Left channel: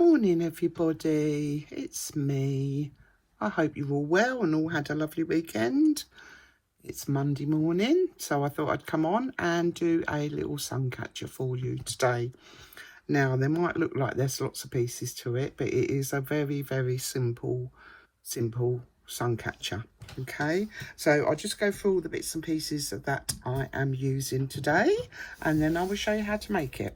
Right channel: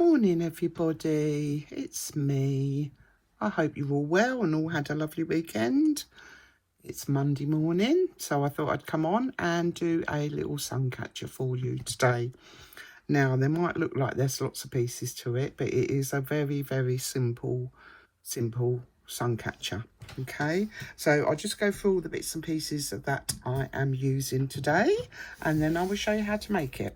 Morning everybody, it's me. I hope you're all well and all had a lovely weekend. It's Monday morning, so I thought I'd come on and do a little sun catcher for you today. Now, there might look like there's lots of pieces to it, but it is a very simple sun catcher. Okay, so I'll just go through all the bits and pieces that I am using today, and then I will show you how to make it.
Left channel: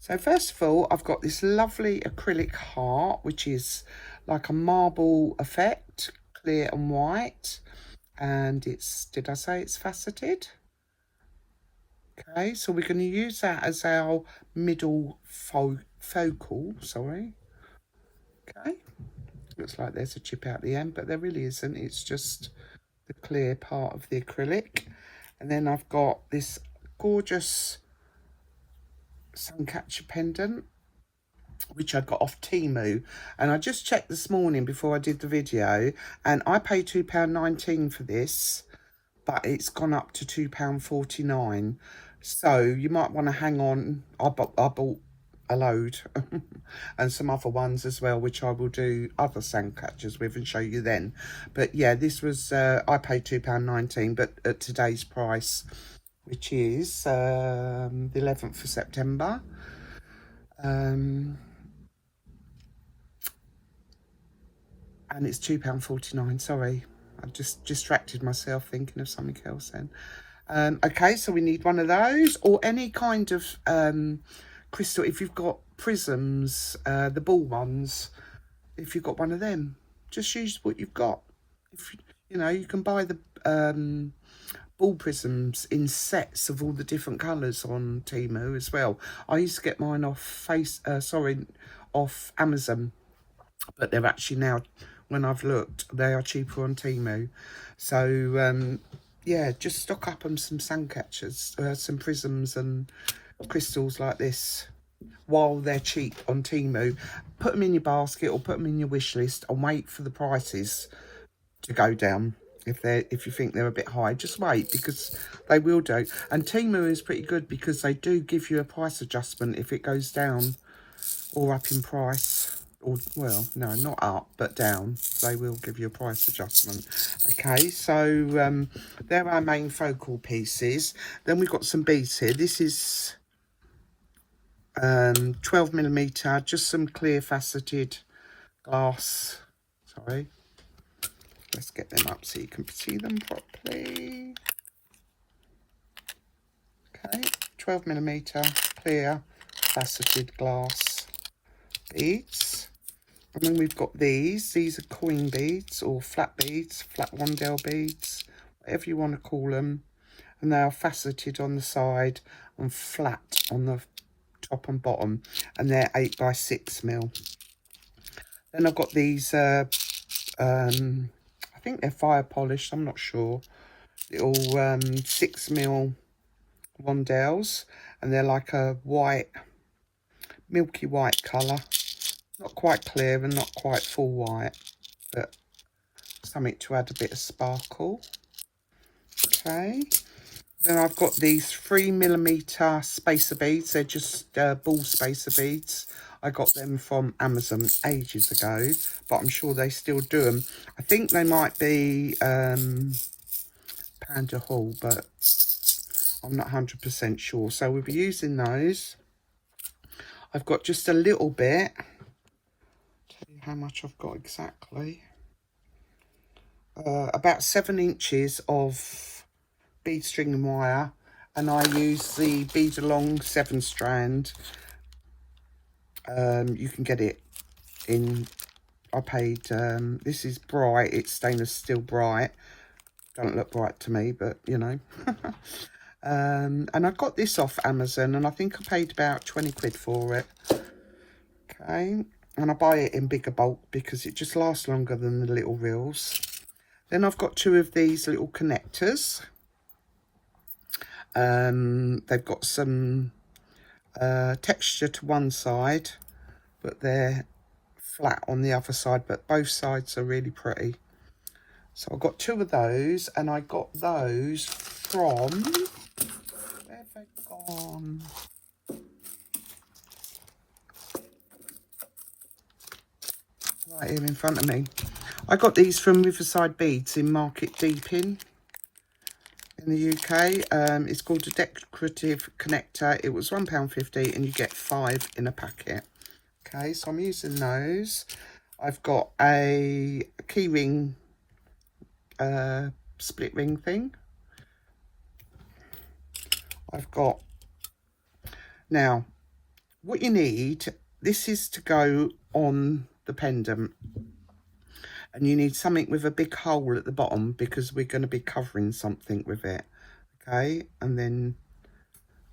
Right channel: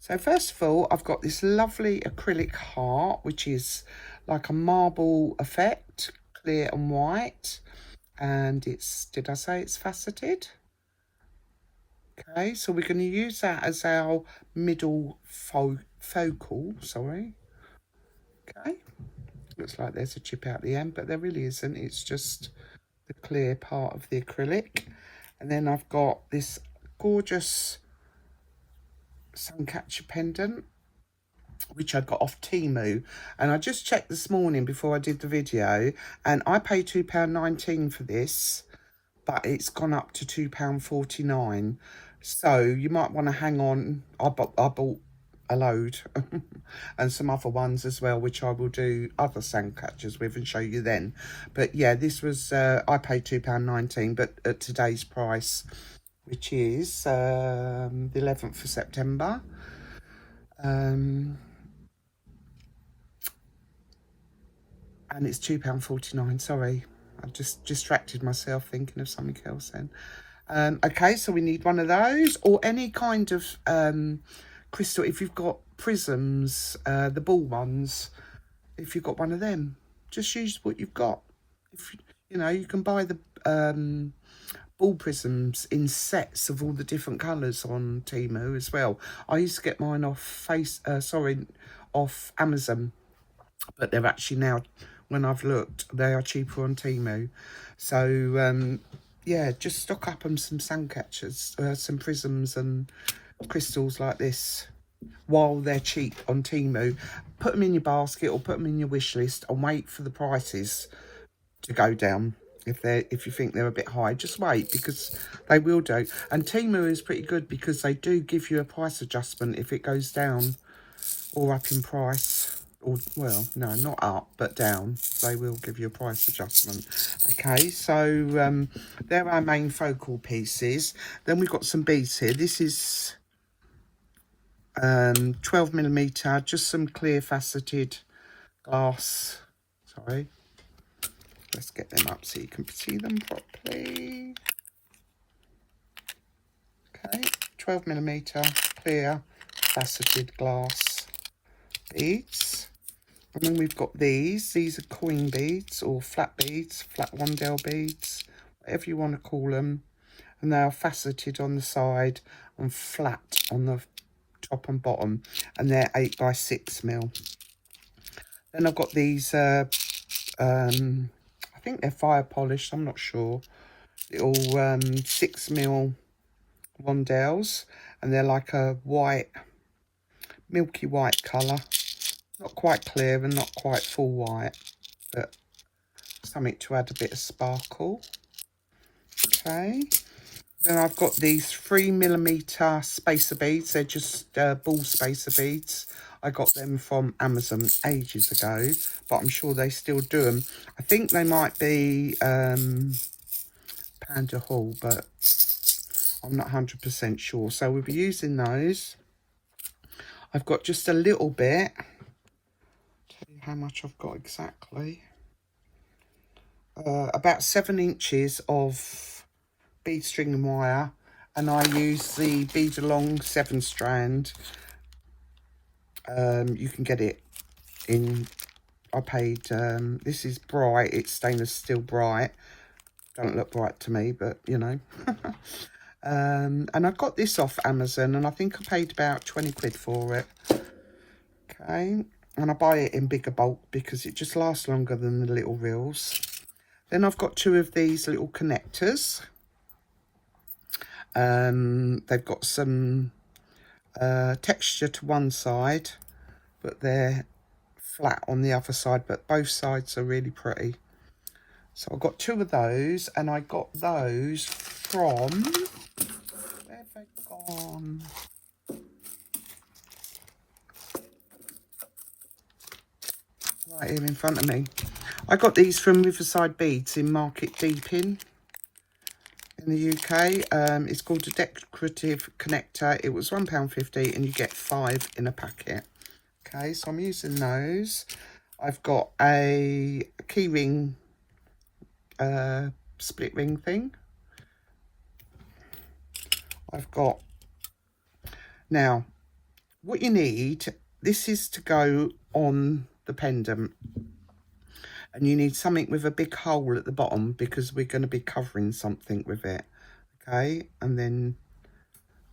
So first of all, I've got this lovely acrylic heart, which is like a marble effect, clear and white. And it's, did I say it's faceted? Okay, so we're going to use that as our middle focal, sorry. Okay, looks like there's a chip out the end, but there really isn't. It's just the clear part of the acrylic. And then I've got this gorgeous sun catcher pendant, which I got off Temu, and I just checked this morning before I did the video, and I paid £2.19 for this, but it's gone up to £2.49, so you might want to hang on. I bought a load and some other ones as well, which I will do other sun catchers with and show you then. But yeah, this was I paid £2.19, but at today's price, which is the 11th of September. And it's £2.49. Sorry, I've just distracted myself thinking of something else then. Okay, so we need one of those, or any kind of crystal. If you've got prisms, the ball ones, if you've got one of them, just use what you've got. If you know, you can buy the ball prisms in sets of all the different colours on Temu as well. I used to get mine off off Amazon, but they're actually now, when I've looked, they are cheaper on Temu. So yeah, just stock up on some sun catchers, some prisms and crystals like this while they're cheap on Temu. Put them in your basket or put them in your wish list and wait for the prices to go down. If you think they're a bit high, just wait, because they will do. And Temu is pretty good because they do give you a price adjustment if it goes down or up in price. Or, well, no, not up, but down. They will give you a price adjustment. Okay, so they're our main focal pieces. Then we've got some beads here. This is 12mm, just some clear faceted glass. Sorry. Let's get them up so you can see them properly. Okay, 12mm clear faceted glass beads. And then we've got these. These are coin beads or flat beads, flat rondelle beads, whatever you want to call them. And they are faceted on the side and flat on the top and bottom. And they're 8x6mm. Then I've got these I think they're fire polished, I'm not sure. Little 6mm rondelles, and they're like a white, milky white colour. Not quite clear and not quite full white, but something to add a bit of sparkle. Okay. Then I've got these 3mm spacer beads. They're just ball spacer beads. I got them from Amazon ages ago, but I'm sure they still do them. I think they might be Panda Hall, but I'm not 100% sure. So we'll be using those. I've got just a little bit. Tell you how much I've got exactly. About 7 inches of bead string and wire, and I use the Bead Along 7-strand. You can get it in, I paid, this is bright, it's stainless steel bright. Don't look bright to me, but you know. And I got this off Amazon, and I think I paid about 20 quid for it. Okay, and I buy it in bigger bulk because it just lasts longer than the little reels. Then I've got 2 of these little connectors. They've got some texture to one side, but they're flat on the other side, but both sides are really pretty. So I've got 2 of those, and I got those from, where have they gone? right here in front of me. I got these from Riverside Beads in Market Deepin in the UK. It's called a decorative connector. It was £1.50 and you get 5 in a packet. Okay, so I'm using those. I've got a key ring, split ring thing. I've got, now, what you need, this is to go on the pendant. And you need something with a big hole at the bottom because we're going to be covering something with it. Okay, and then,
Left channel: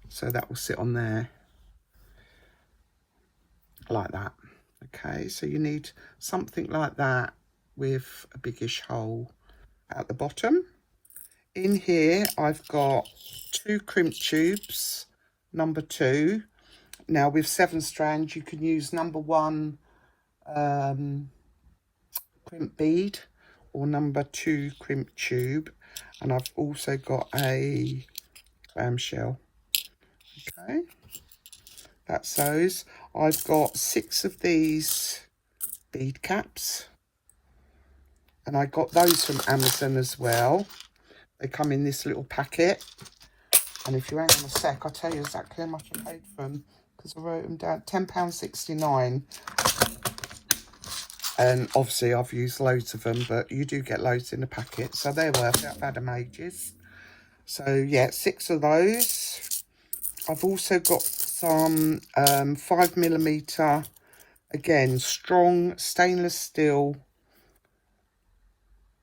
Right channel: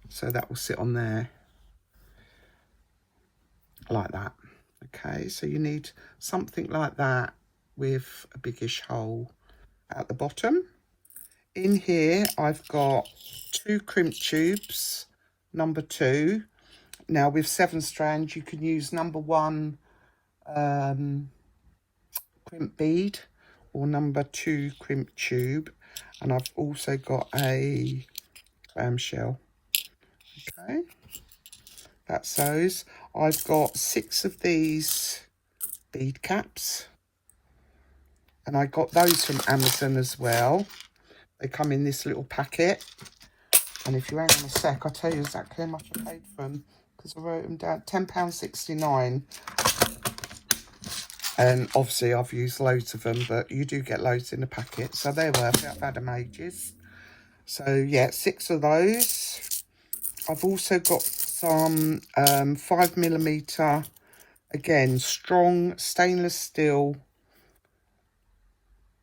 so that will sit on there like that. Okay, so you need something like that with a biggish hole at the bottom. In here, I've got 2 crimp tubes, number 2. Now with 7 strands, you can use number 1 crimp bead or number 2 crimp tube. And I've also got a clamshell. Okay, that's those. I've got 6 of these bead caps. And I got those from Amazon as well. They come in this little packet. And if you hang on a sec, I'll tell you exactly how much I paid for them. Because I wrote them down, £10.69. And obviously I've used loads of them, but you do get loads in a packet. So they're worth it. I've had them ages. So yeah, 6 of those. I've also got some 5mm, again, strong stainless steel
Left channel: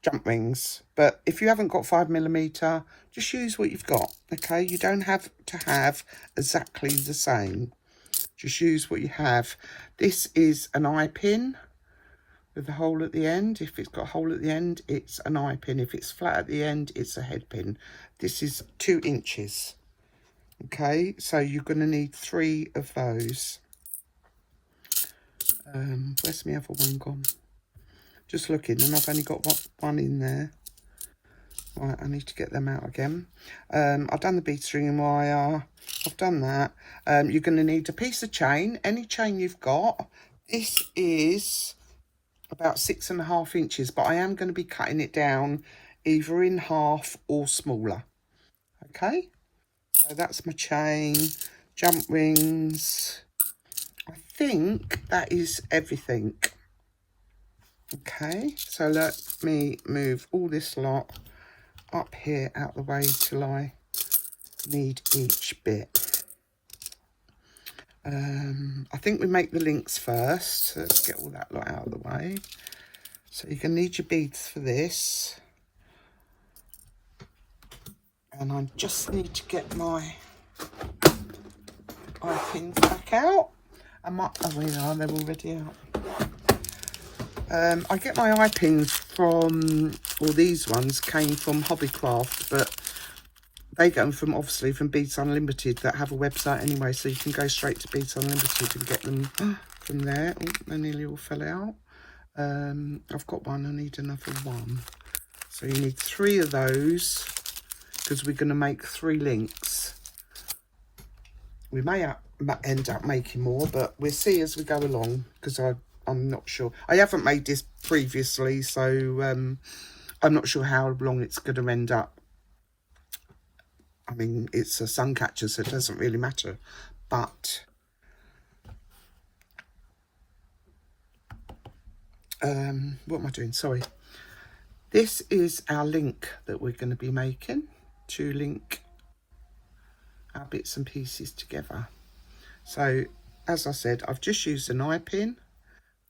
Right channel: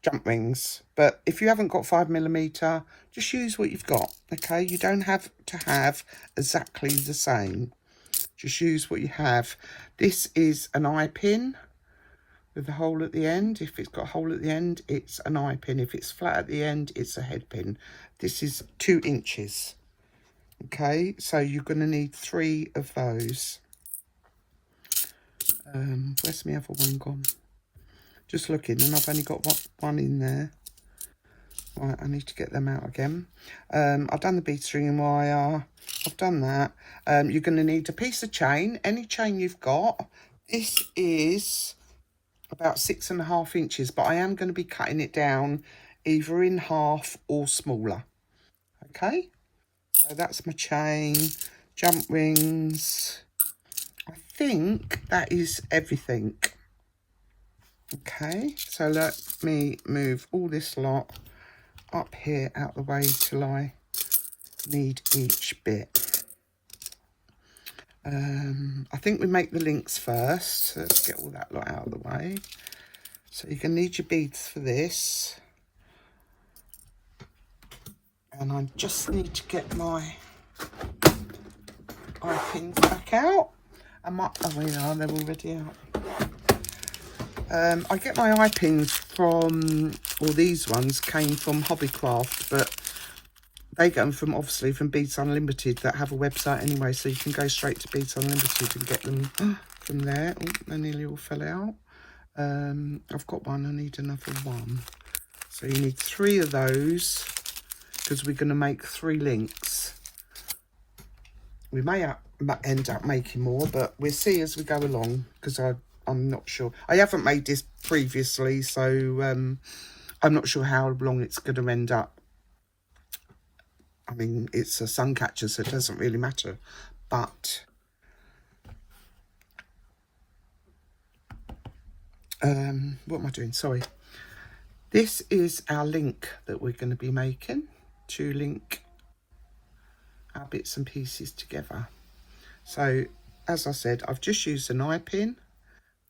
jump rings. But if you haven't got 5mm, just use what you've got, okay? You don't have to have exactly the same. Just use what you have. This is an eye pin with a hole at the end. If it's got a hole at the end, it's an eye pin. If it's flat at the end, it's a head pin. This is 2 inches. Okay, so you're going to need 3 of those. Where's my other one gone? Just looking, and I've only got one in there. Right, I need to get them out again. I've done the bead string and wire. I've done that. You're going to need a piece of chain, any chain you've got. This is about 6.5 inches, but I am going to be cutting it down either in half or smaller. Okay, so that's my chain, jump rings. I think that is everything. Okay, so let me move all this lot up here out the way till I need each bit. I think we make the links first. Let's get all that lot out of the way. So you're going to need your beads for this. And I just need to get my eye pins back out. And my, oh, yeah, they're already out. I get my eye pins from, well, these ones came from Hobbycraft, but they get them from, obviously, from Beads Unlimited that have a website anyway, so you can go straight to Beads Unlimited and get them from there. Oh, they nearly all fell out. I've got one, I need another one. So you need 3 of those, because we're going to make 3 links. We may end up making more, but we'll see as we go along, because I'm not sure. I haven't made this previously, so I'm not sure how long it's going to end up. I mean, it's a sun catcher, so it doesn't really matter. But what am I doing? Sorry. This is our link that we're going to be making to link our bits and pieces together. So, as I said, I've just used an eye pin,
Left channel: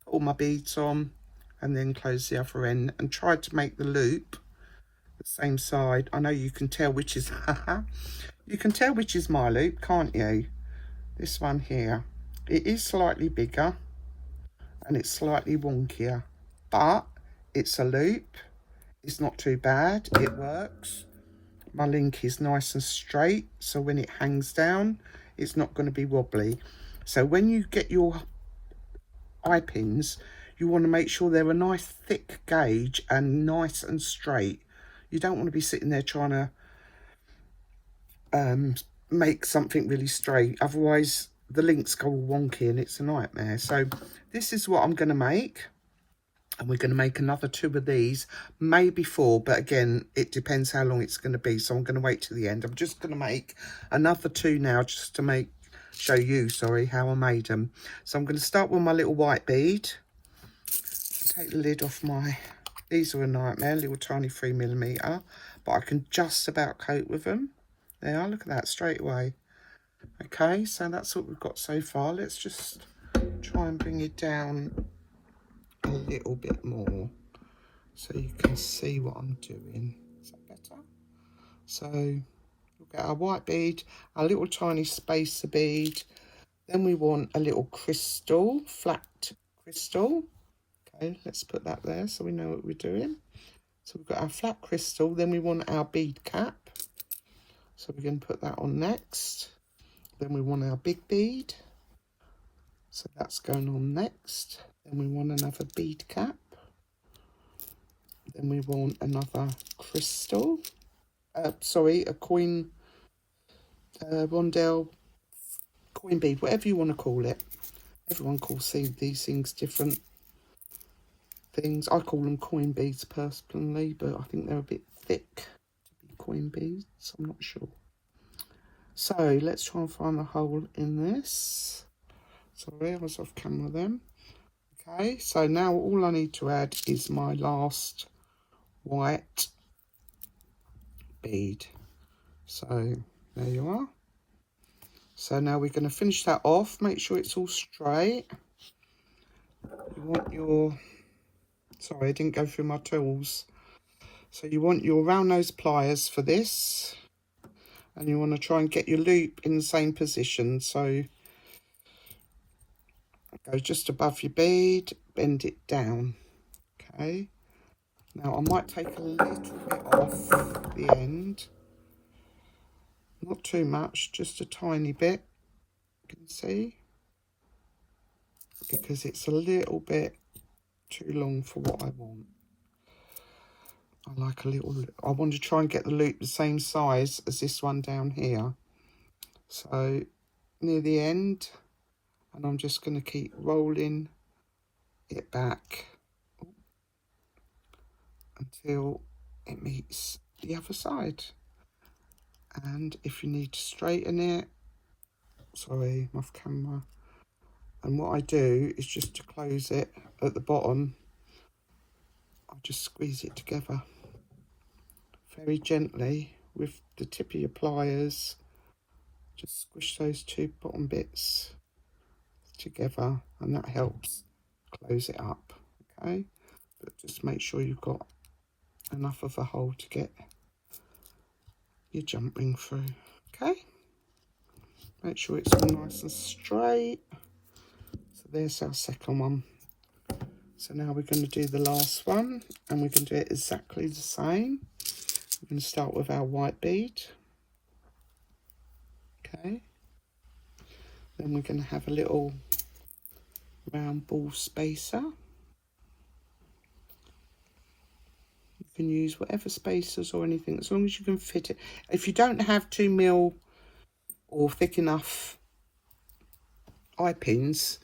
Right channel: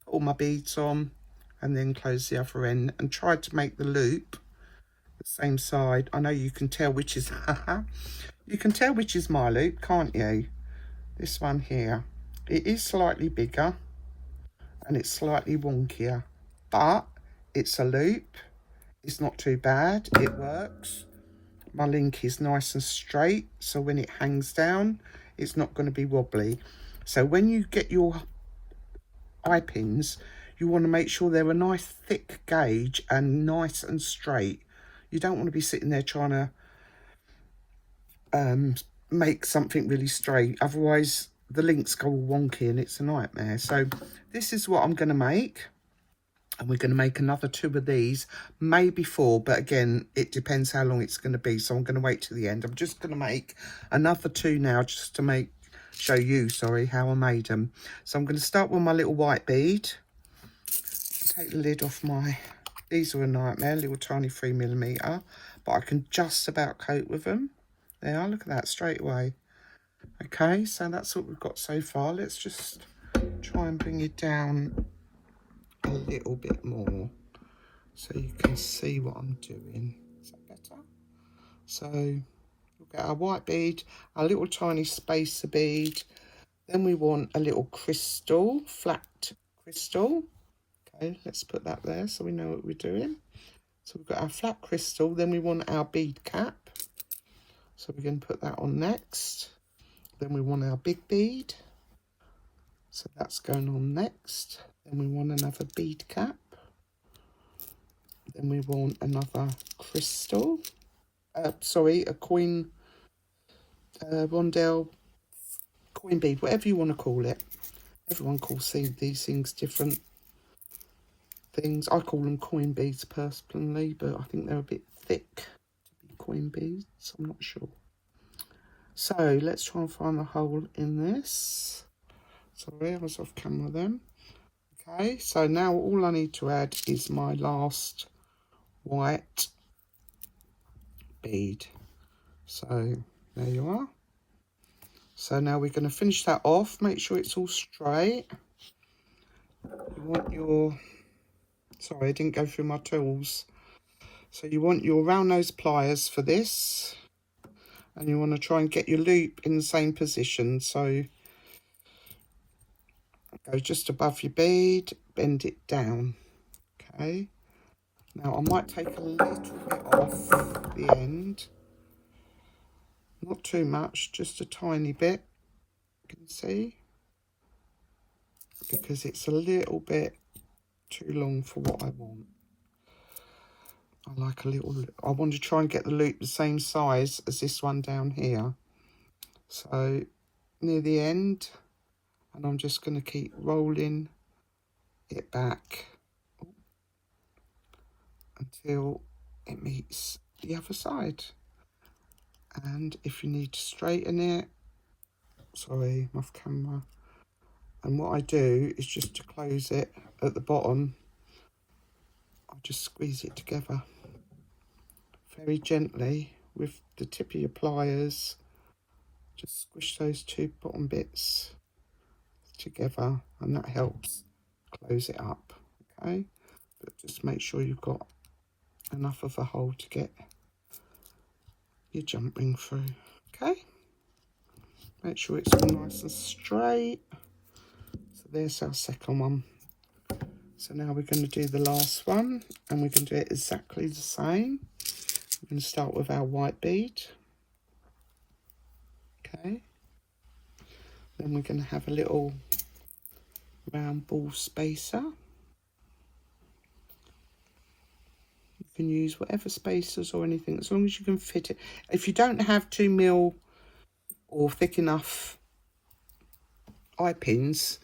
all my beads on, and then close the other end and tried to make the loop the same side. I know you can tell which is you can tell which is my loop, can't you? This one here, it is slightly bigger and it's slightly wonkier, but it's a loop. It's not too bad, it works. My link is nice and straight, so when it hangs down, it's not going to be wobbly. So when you get your eye pins, you want to make sure they're a nice thick gauge and nice and straight. You don't want to be sitting there trying to make something really straight, otherwise the links go wonky and it's a nightmare. So this is what I'm going to make. And we're going to make another 2 of these, maybe 4, but again, it depends how long it's going to be. So I'm going to wait till the end. I'm just going to make another 2 now, just to show you, sorry, how I made them. So I'm going to start with my little white bead. Take the lid off these are a nightmare, little tiny 3mm, but I can just about cope with them. There, look at that, straight away. Okay, so that's what we've got so far. Let's just try and bring it down a little bit more so you can see what I'm doing. Is that better? So we'll get our white bead, our little tiny spacer bead, then we want a little crystal, flat crystal. Okay, let's put that there so we know what we're doing. So we've got our flat crystal, then we want our bead cap, so we're going to put that on next. Then we want our big bead, so that's going on next. Then we want another bead cap. Then we want another crystal. Sorry, a coin, Rondell coin bead, whatever you want to call it. Everyone calls these things different things. I call them coin beads personally, but I think they're a bit thick to be coin beads. I'm not sure. So let's try and find a hole in this. Sorry, I was off camera then. Okay, so now all I need to add is my last white bead. So there you are. So now we're going to finish that off. Make sure it's all straight. You want your... Sorry, I didn't go through my tools. So you want your round nose pliers for this. And you want to try and get your loop in the same position. So go just above your bead, bend it down. Okay. Now I might take a little bit off the end. Not too much, just a tiny bit. You can see. Because it's a little bit too long for what I want. I like a little, I want to try and get the loop the same size as this one down here. So near the end, and I'm just going to keep rolling it back until it meets the other side. And if you need to straighten it, sorry, I'm off camera. And what I do is just to close it at the bottom, I just squeeze it together very gently with the tip of your pliers. Just squish those 2 bottom bits together, and that helps close it up. Okay, but just make sure you've got enough of a hole to get your jump ring through. Okay, make sure it's all nice and straight. So there's our second one. So now we're going to do the last one, and we're going to do it exactly the same. We're going to start with our white bead. Okay. Then we're going to have a little round ball spacer. You can use whatever spacers or anything, as long as you can fit it. If you don't have 2mm or thick enough eye pins,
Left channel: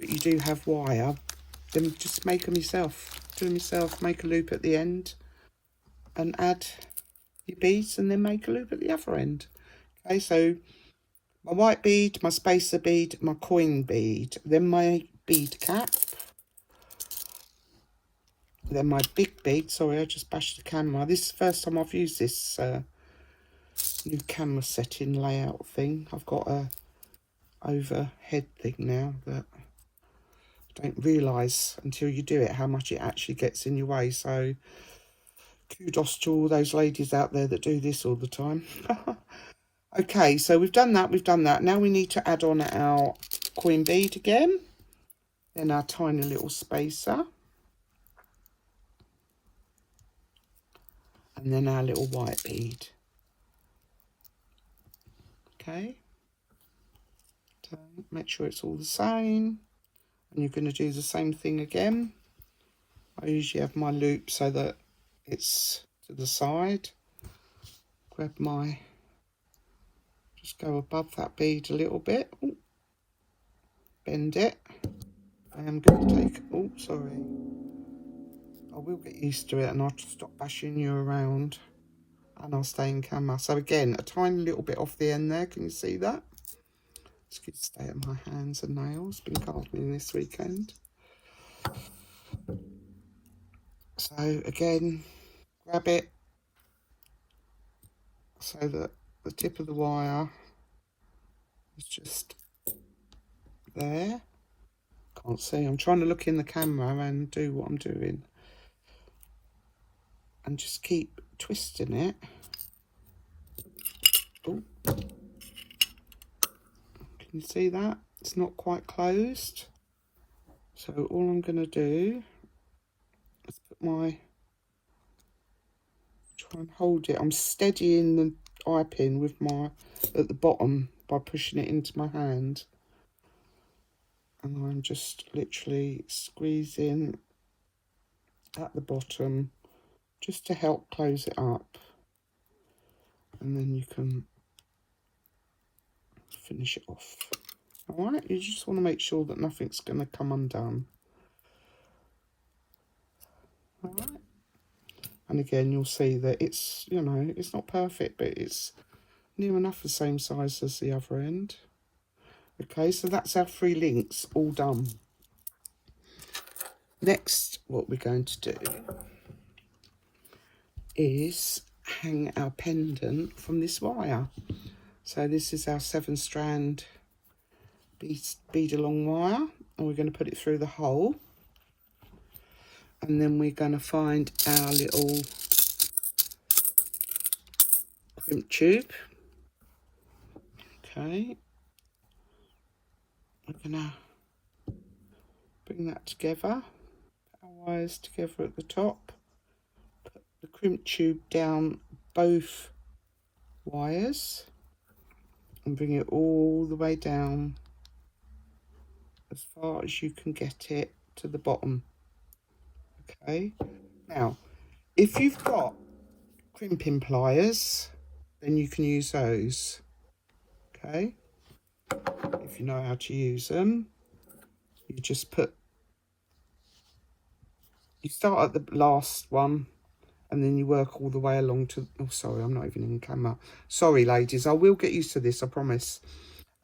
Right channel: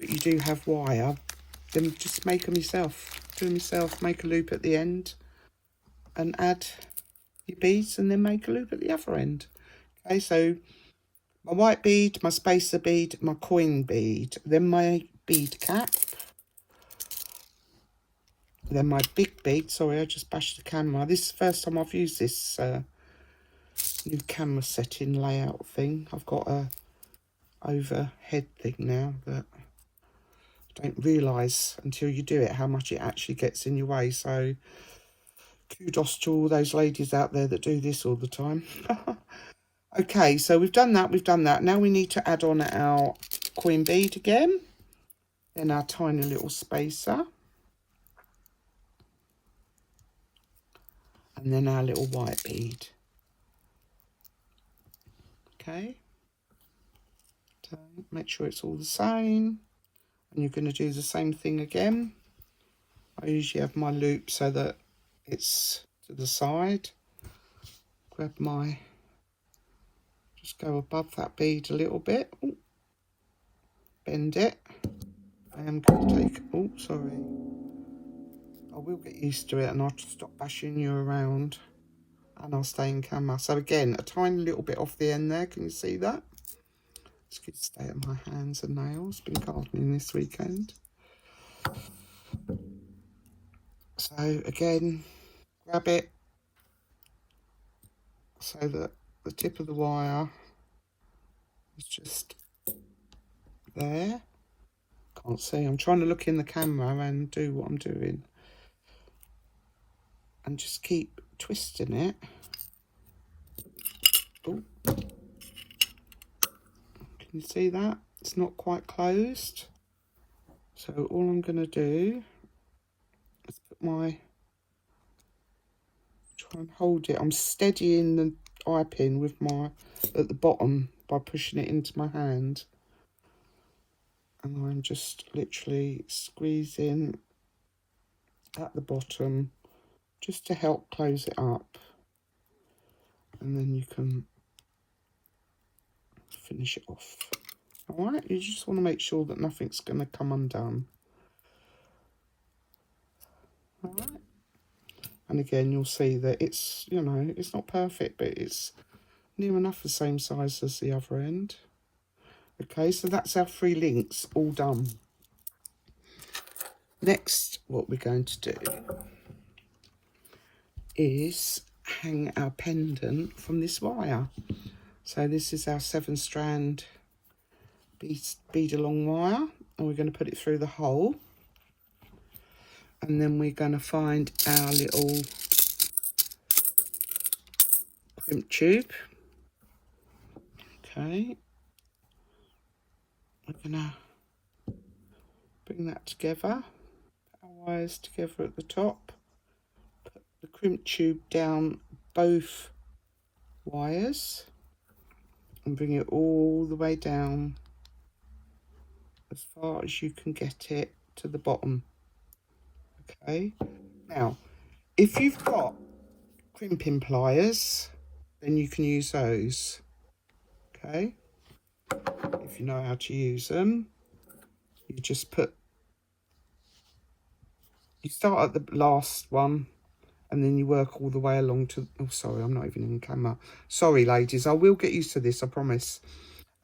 but you do have wire, then just make them yourself. Do them yourself, make a loop at the end and add your beads, and then make a loop at the other end. Okay, so my white bead, my spacer bead, my coin bead, then my bead cap, then my big bead. Sorry, I just bashed the camera. This is the first time I've used this new camera setting layout thing. I've got a overhead thing now that I don't realise until you do it how much it actually gets in your way. So kudos to all those ladies out there that do this all the time. Okay, so we've done that. Now we need to add on our coin bead again, then our tiny little spacer, and then our little white bead. Okay, so make sure it's all the same, and you're going to do the same thing again. I usually have my loop so that it's to the side. Grab my, just go above that bead a little bit, bend it, and I'm going to take, oh sorry, I will get used to it and I'll just stop bashing you around and I'll stay in camera. So again, a tiny little bit off the end there, can you see that? Just going to stay at my hands and nails, been gardening this weekend. So again, grab it so that the tip of the wire is just there. Can't see, I'm trying to look in the camera and do what I'm doing. And just keep twisting it. Can you see that? It's not quite closed. So all I'm going to do is put my, try and hold it. I'm steadying the eye pin with my, at the bottom by pushing it into my hand. And I'm just literally squeezing at the bottom just to help close it up. And then you can finish it off. Alright, you just want to make sure that nothing's going to come undone. Alright. And again, you'll see that it's, you know, it's not perfect, but it's near enough the same size as the other end. Okay, so that's our 3 links all done. Next, what we're going to do is hang our pendant from this wire. So this is our 7-strand bead along wire, and we're going to put it through the hole, and then we're going to find our little crimp tube. Okay, we're going to bring that together, our wires together at the top, put the crimp tube down both wires and bring it all the way down as far as you can get it to the bottom. Okay, now if you've got crimping pliers, then you can use those. Okay, if you know how to use them, you just you start at the last one and then you work all the way along to, oh sorry, I'm not even on camera, sorry ladies, I will get used to this, I promise.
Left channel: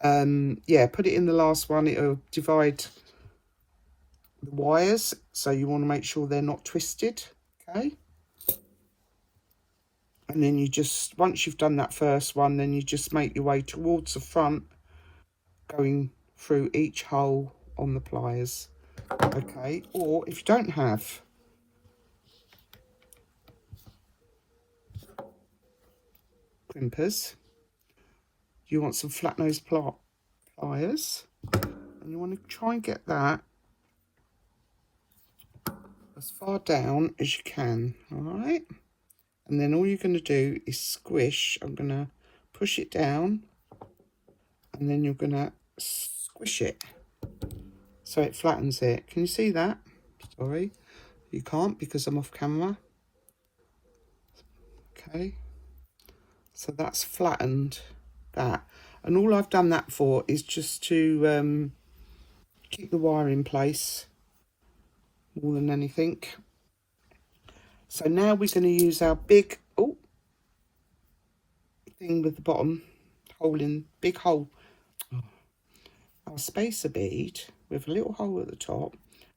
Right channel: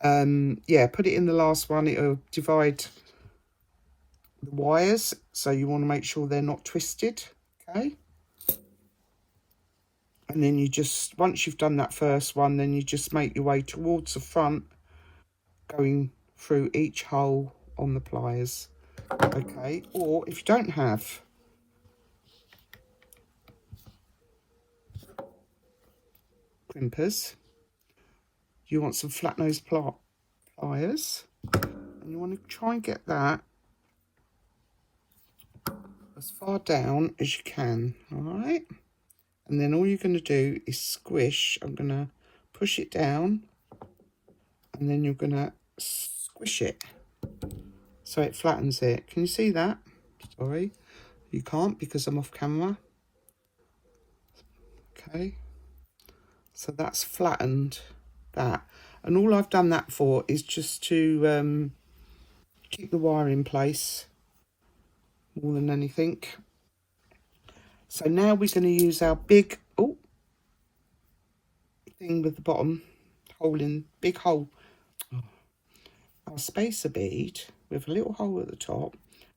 Yeah, put it in the last one, it'll divide the wires, so you want to make sure they're not twisted. Okay, and then you just, once you've done that first one, then you just make your way towards the front, going through each hole on the pliers. Okay, or if you don't have crimpers, you want some flat nose pliers, and you want to try and get that as far down as you can. All right, and then all you're going to do is squish. I'm going to push it down, and then you're going to squish it so it flattens it. Can you see that? Sorry, you can't because I'm off camera. Okay, so that's flattened that, and all I've done that for is just to keep the wire in place more than anything. So now we're going to use our big thing with the bottom hole in, big hole, our spacer bead with a little hole at the top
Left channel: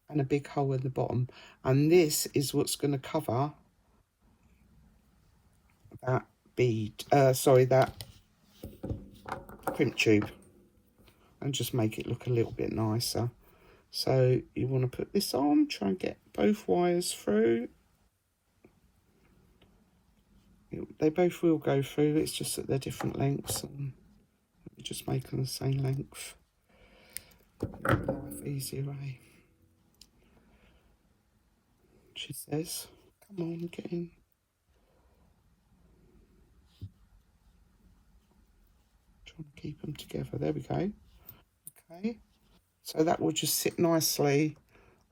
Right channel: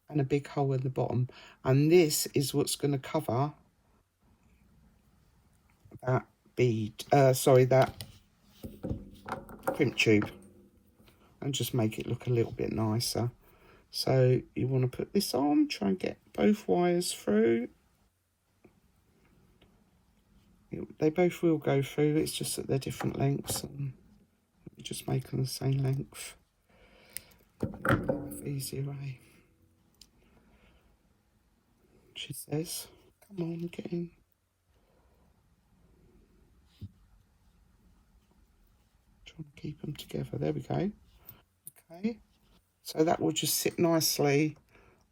and a big hole at the bottom, and this is what's going to cover that bead, that crimp tube, and just make it look a little bit nicer. So you want to put this on, try and get both wires through. They both will go through, it's just that they're different lengths, and just make them the same length. Easier way, she says. Come on, get in. Try and keep them together. There we go. Okay, so that will just sit nicely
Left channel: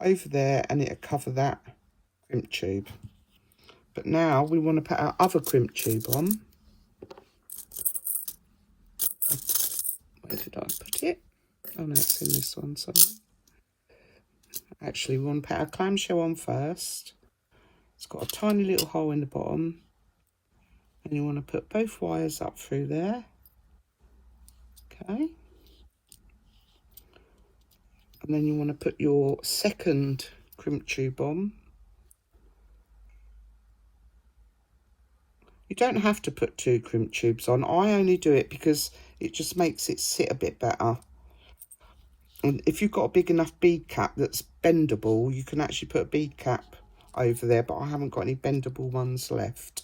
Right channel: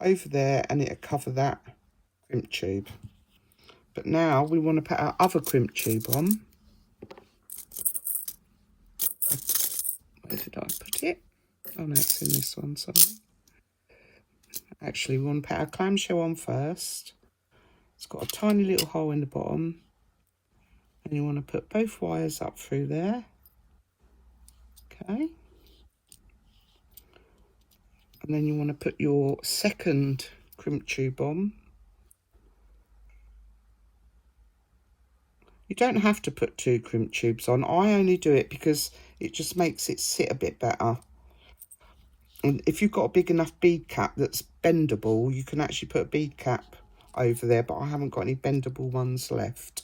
over there, and it'll cover that crimp tube. But now we want to put our other crimp tube on. Where did I put it? Oh no, it's in this one, sorry. Actually, we want to put our clamshell on first, got a tiny little hole in the bottom, and you want to put both wires up through there. Okay. And then you want to put your second crimp tube on. You don't have to put 2 crimp tubes on. I only do it because it just makes it sit a bit better. And if you've got a big enough bead cap that's bendable, you can actually put a bead cap over there, but I haven't got any bendable ones left.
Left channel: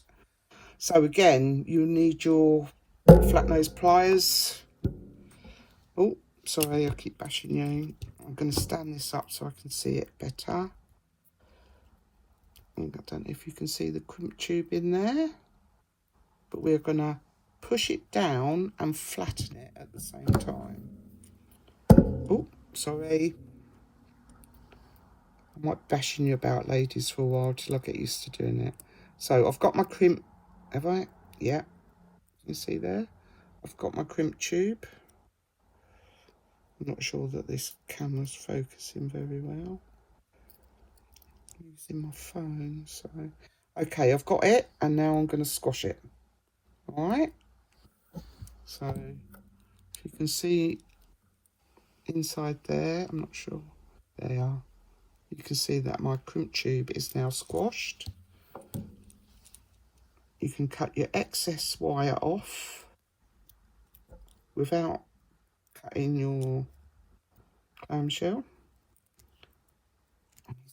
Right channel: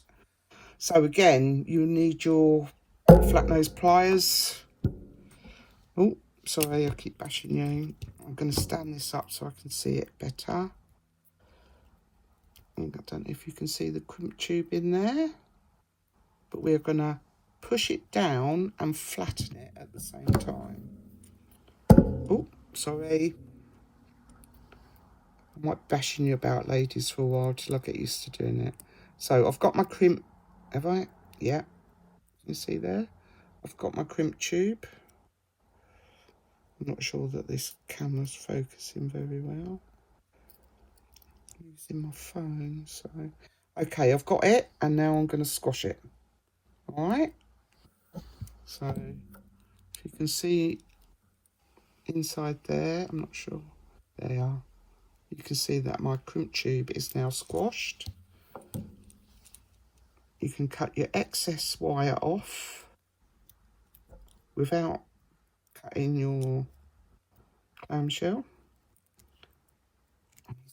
So again, you need your flat nose pliers. Oh, sorry, I keep bashing you. I'm going to stand this up so I can see it better. I don't know if you can see the crimp tube in there, but we're going to push it down and flatten it at the same time. Oh, sorry. I might bashing you about, ladies, for a while till I get used to doing it. So I've got my crimp, have I? Yeah, you see there? I've got my crimp tube. I'm not sure that this camera's focusing very well. I'm using my phone, so... Okay, I've got it, and now I'm going to squash it. Right? So, if you can see inside there, I'm not sure. There you are. You can see that my crimp tube is now squashed. You can cut your excess wire off without cutting your clamshell.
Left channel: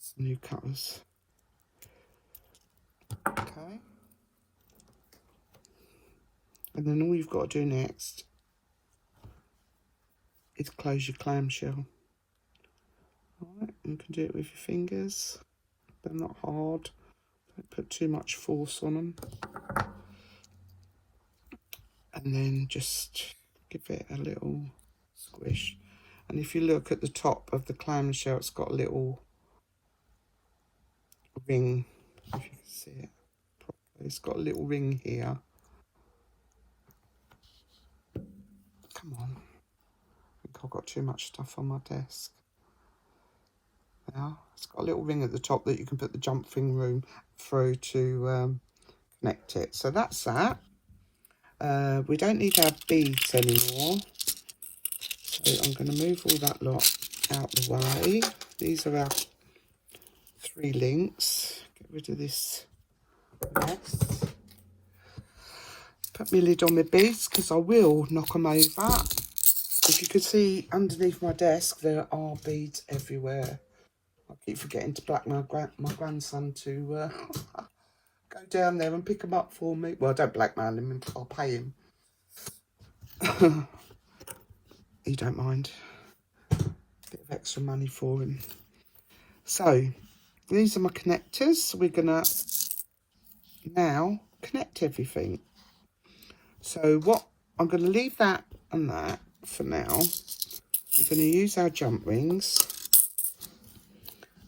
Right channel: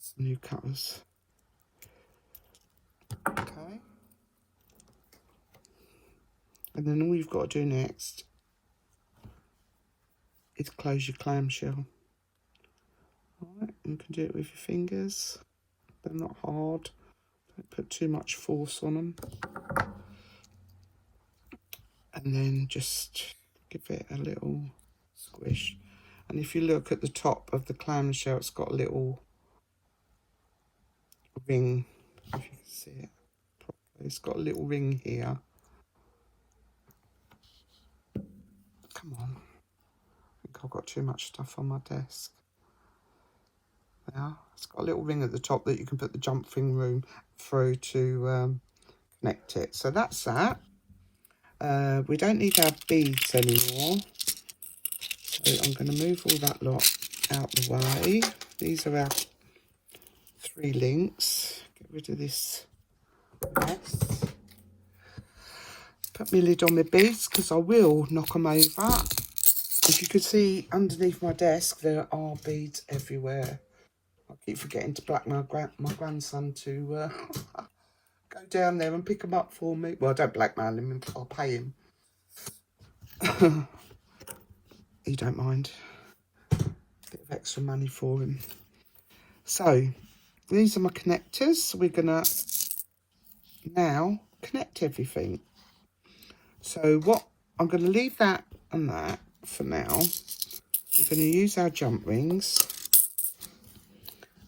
Some new cutters. Okay. And then all you've got to do next is close your clamshell. Alright, you can do it with your fingers. They're not hard. Don't put too much force on them. And then just give it a little squish. And if you look at the top of the clamshell, it's got a little ring. If you can see it properly, it's got a little ring here. Come on. I think I've got too much stuff on my desk. Yeah, it's got a little ring at the top that you can put the jump thing through to connect it. So that's that. We don't need our beads anymore. So I'm going to move all that lot out the way. These are our 3 links. Get rid of this mess. Put my lid on my beads because I will knock them over. As you can see underneath my desk, there are beads everywhere. I keep forgetting to black my grandson to go down there and pick them up for me. Well, I don't blackmail him, I'll pay him. He don't mind. A bit of extra money for him. So, these are my connectors. We're going to now connect everything. So, what I'm going to leave that and that for now. We're going to use our jump rings.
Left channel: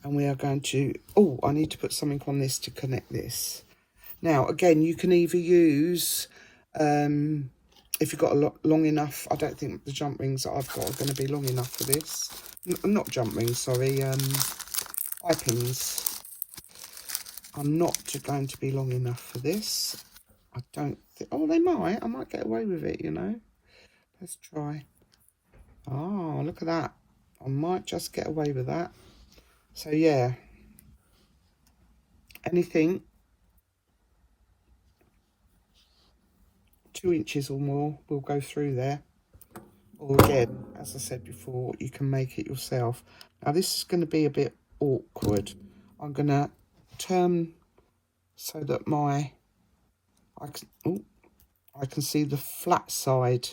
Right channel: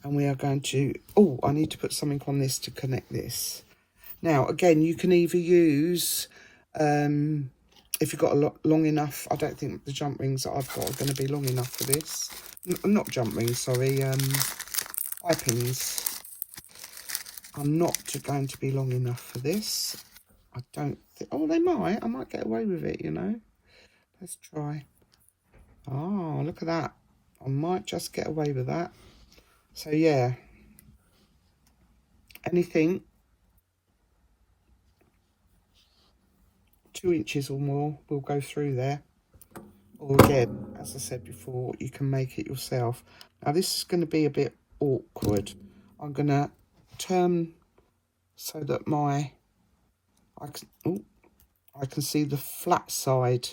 And we are going to, oh, I need to put something on this to connect this. Now, again, you can either use, if you've got a lot long enough, I don't think the jump rings that I've got are going to be long enough for this. Not jump rings, sorry, eye pins. I'm not going to be long enough for this. I don't think, oh, they might. I might get away with it, you know. Let's try. Oh, look at that. I might just get away with that. So yeah, anything 2 inches or more will go through there. Or again, as I said before, you can make it yourself. Now this is going to be a bit awkward. I'm going to turn so that I can see the flat side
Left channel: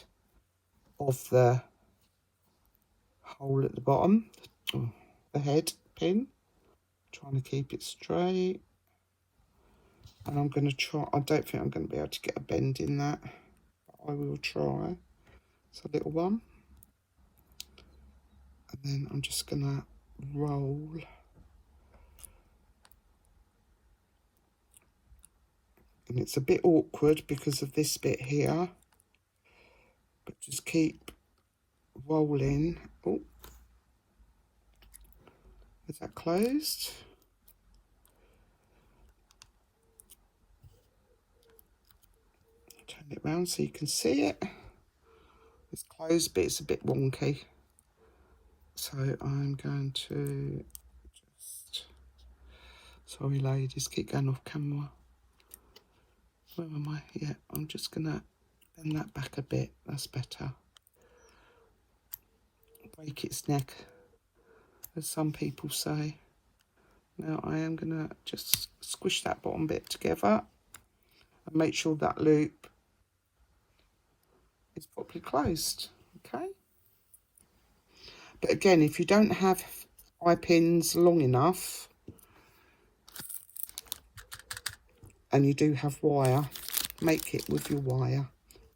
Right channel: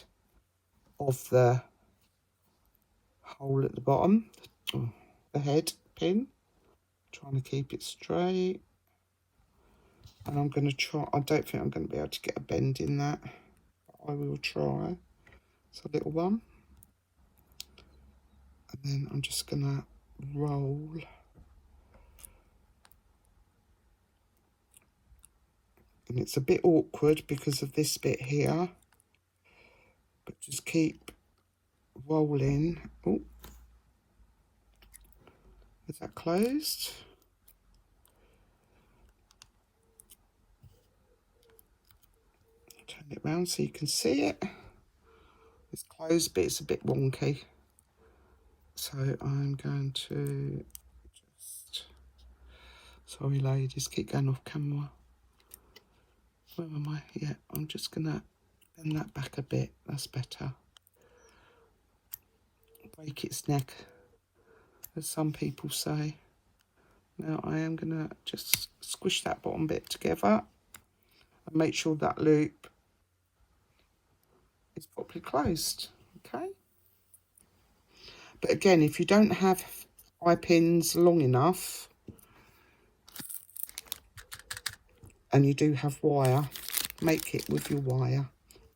of the hole at the bottom, the head pin. Trying to keep it straight. And I'm going to try, I don't think I'm going to be able to get a bend in that. I will try. It's a little one. And then I'm just going to roll. And it's a bit awkward because of this bit here. But just keep rolling. Oh. Is that closed? turn it round so you can see it. It's closed, but it's a bit wonky. So I'm going to just, sorry ladies, keep going off camera. Where am I? Yeah, I'm just gonna bend that back a bit, that's better. Break its neck, as some people say. Now I am gonna just squish that bottom bit together and make sure that loop is properly closed, okay? But again, if you don't have eye pins long enough, and you do have wire, make it with your wire.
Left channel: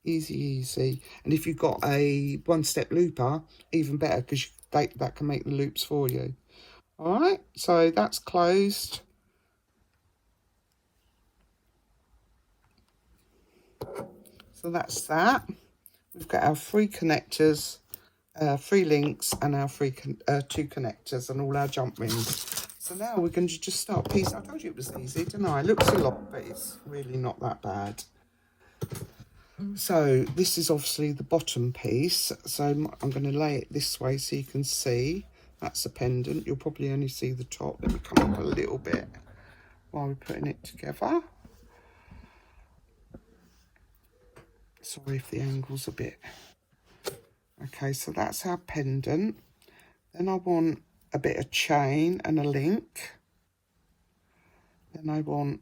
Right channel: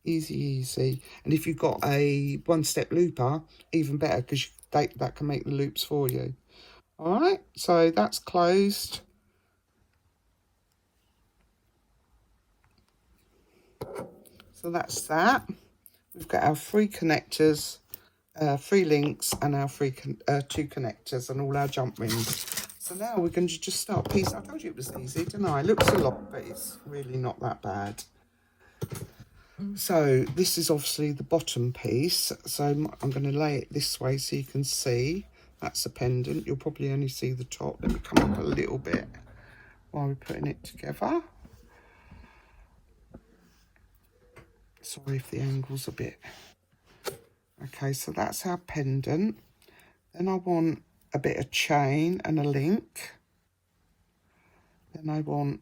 Easy. And if you've got a one-step looper, even better, because that can make the loops for you. All right, so that's closed. So that's that. We've got our 3 connectors, 3 links, and our 2 connectors, and all our jump rings. So now we're going to just start piecing. I told you it was easy, didn't I? It looks a lot, but it's really not that bad. So this is obviously the bottom piece. So I'm going to lay it this way so you can see. That's the pendant. You'll probably only see the top. Let me come up a little bit while we're putting it together. Sorry if the angle's a bit. Okay, so that's our pendant. Then I want a bit of chain and a link. Then I want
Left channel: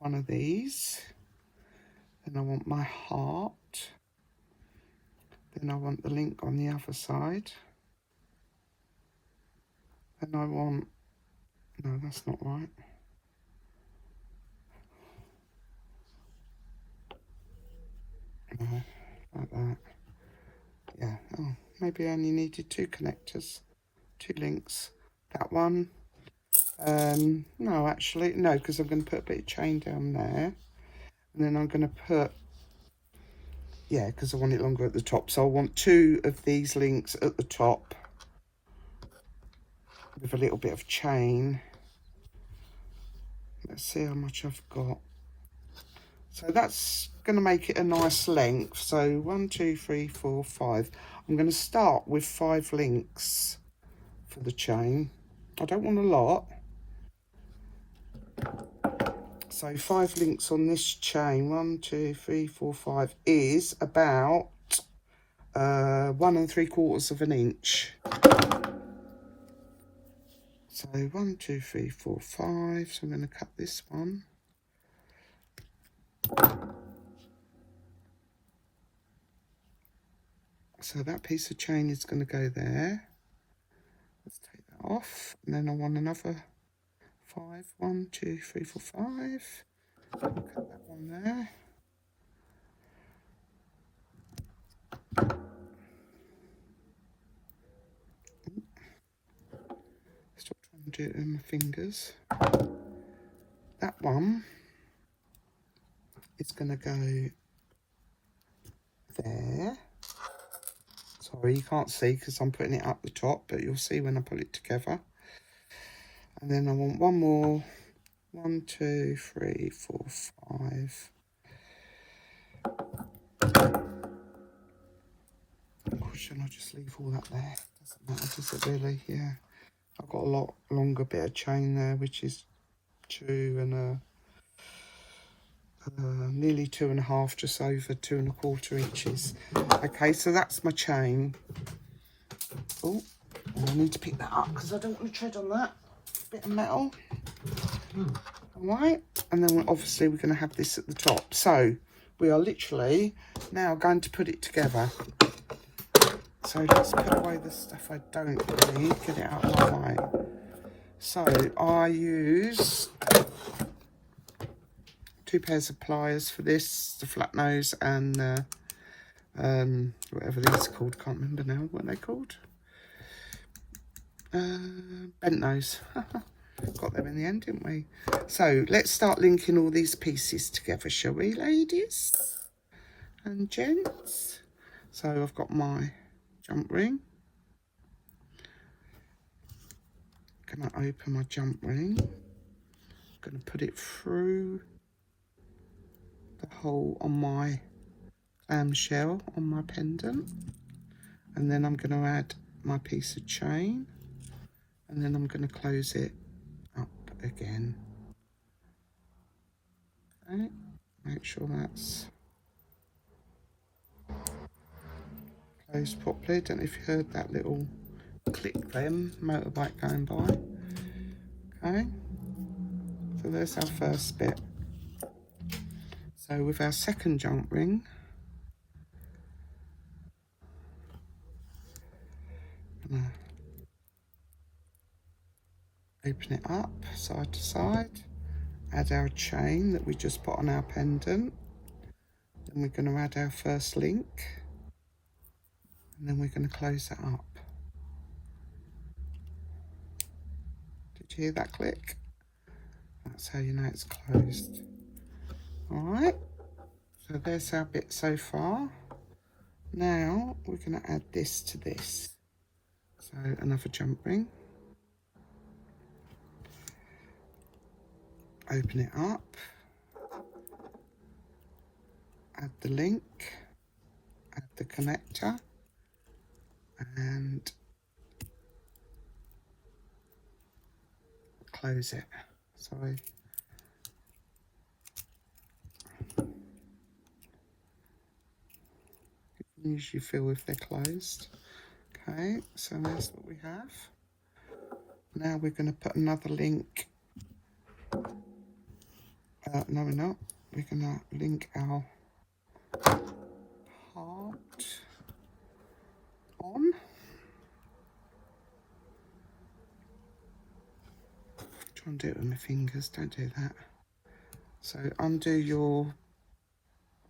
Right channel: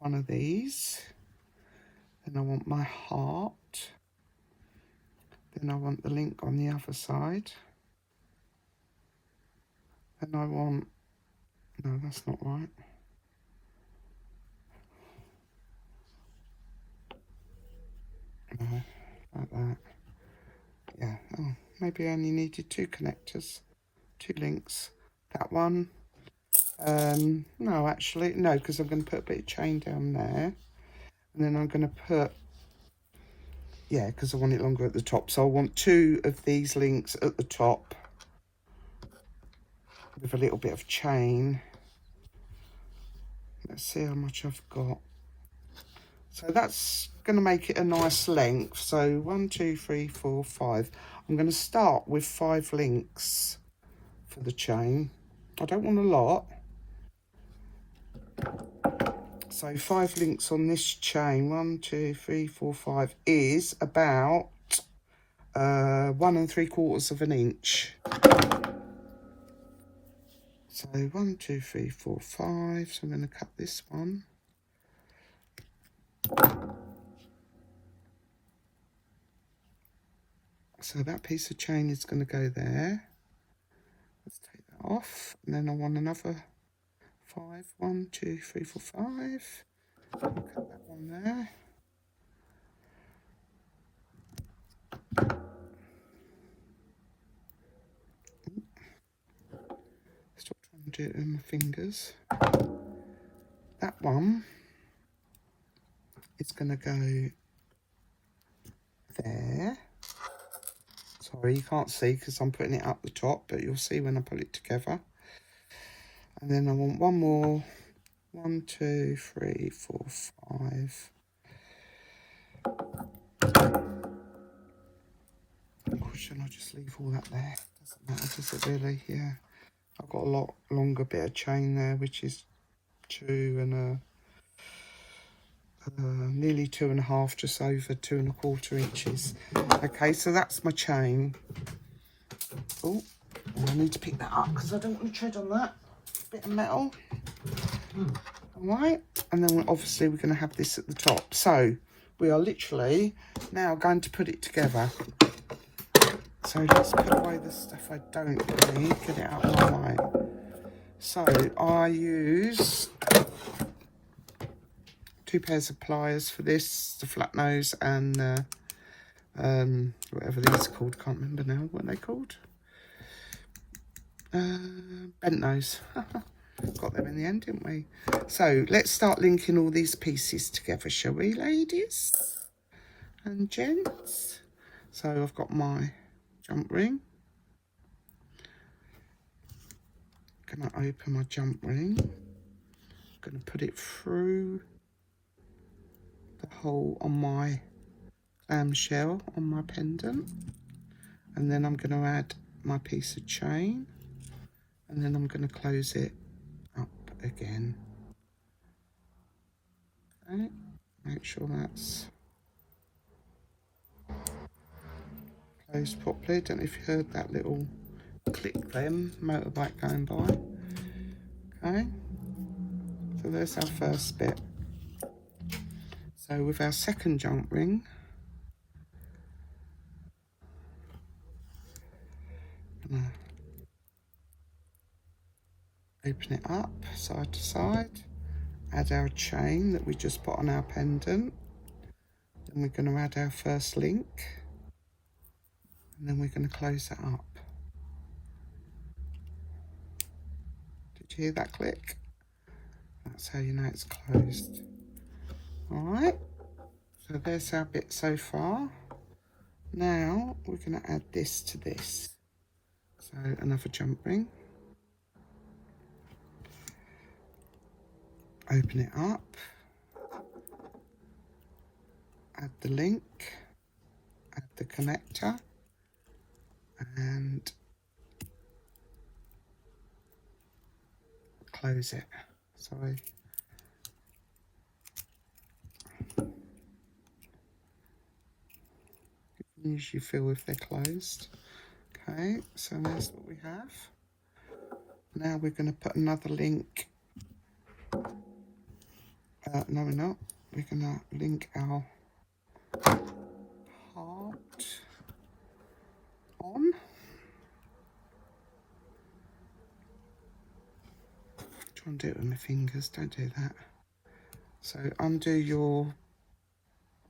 one of these. Then I want my heart. Then I want the link on the other side. Then I want, no, that's not right. No, like that. Yeah, oh, maybe I only needed 2 connectors, 2 links. That one. No, actually, no, because I'm going to put a bit of chain down there. And then I'm going to put, yeah, because I want it longer at the top. So I want 2 of these links at the top with a little bit of chain. Let's see how much I've got. So that's going to make it a nice length. So 1, 2, 3, 4, 5. I'm going to start with 5 links for the chain. I don't want a lot. So 5 links on this chain, 1, 2, 3, 4, 5, is about 1 3/4 of an inch. So 1, 2, 3, 4, 5. So I'm going to cut this one. So that piece of chain is going to go there. Let's take that off. And then I want another 5. 1, 2, 3, 4, 5. I'll cut that one there. Stop trying to do it with my fingers. That one is going to go there. Sorry, you can't see because I'm putting it up the top, but you'll see when I put it together. And then I want one more. 1, 2, 3, 4, 5. Or should I just leave all that there? Doesn't matter, does it really? Yeah. I've got a lot longer bit of chain there, which is 2 and nearly 2.5, just over 2 1/4 inches. Okay, so that's my chain. Oh, I need to pick that up because I don't want to tread on that bit of metal. All right, and then obviously we're going to have this at the top. So we are literally now going to put it together. So let's put away the stuff I don't need, get it out of the way. So I use 2 pairs of pliers for this, the flat nose and whatever these are called, can't remember now what they're called. Bent nose. Got them in the end, didn't we? So let's start linking all these pieces together, shall we, ladies and gents? So I've got my jump ring. Gonna open my jump ring. Gonna put it through the hole on my clamshell on my pendant, and then I'm going to add my piece of chain, and then I'm going to close it up again. Okay, make sure that's closed properly. Don't know if you heard that little click then, motorbike going by. Okay, so there's our first bit. So with our second jump ring, open it up side to side, add our chain that we just put on our pendant, then we're going to add our first link, and then we're going to close it up. Did you hear that click? That's how you know it's closed. Alright, so there's our bit so far. Now we're going to add this to this. So another jump ring. Open it up. Add the link. Add the connector. And close it. Sorry. Usually feel if they're closed. Okay, so that's what we have. Now we're going to put another link. No, we're not. We're going to link our heart on. Try and do it with my fingers. Don't do that. So undo your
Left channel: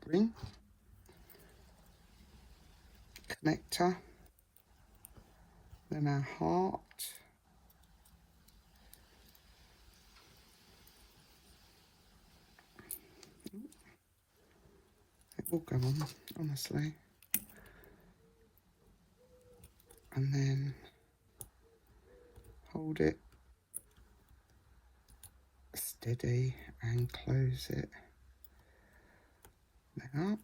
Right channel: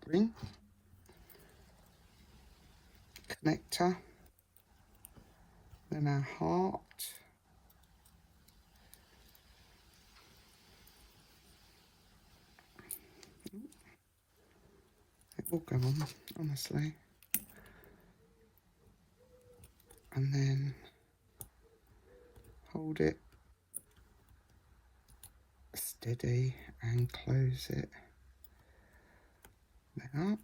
ring. Connector, then our heart, it will go on, honestly, and then hold it steady and close it now.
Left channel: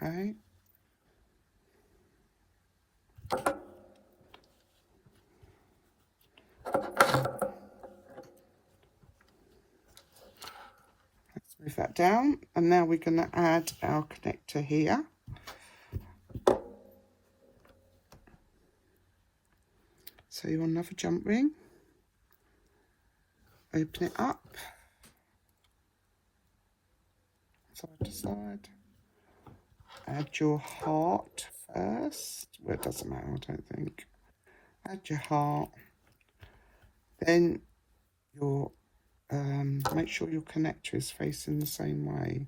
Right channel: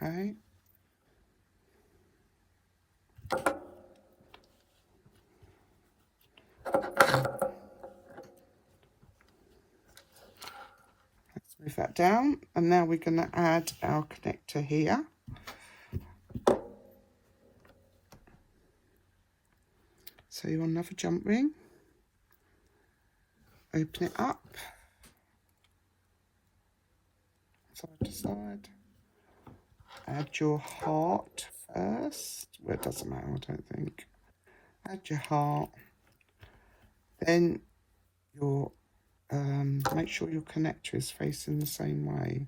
Okay. Let's move that down, and now we're going to add our connector here. So you want another jump ring, open it up, side to side. Add your heart first. Well, it doesn't matter, I don't think. Add your heart. Then your make sure your connector is facing the same way.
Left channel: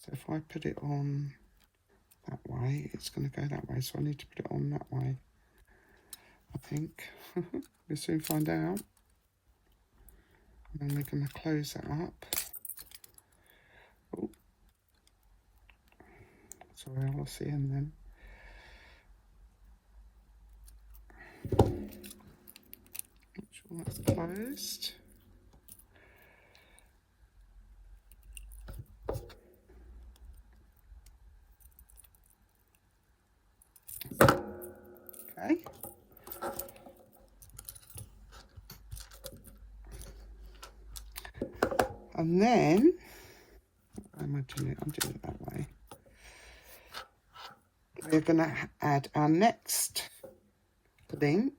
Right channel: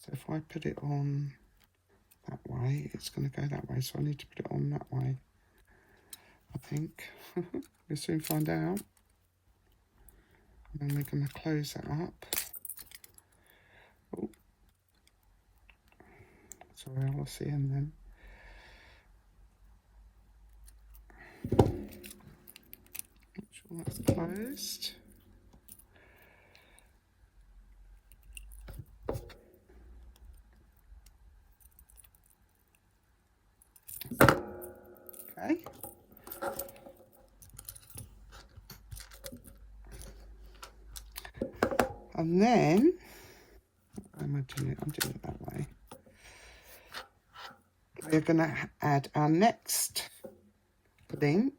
So if I put it on that way, it's going to go that way. So I need to put it on that way, I think. We'll soon find out. And we're going to close it up. Oh. Sorry, I'll see you then. Make sure that's closed. Okay. And then, why am I doing it? I'm doing it that way. We're going to add our next link.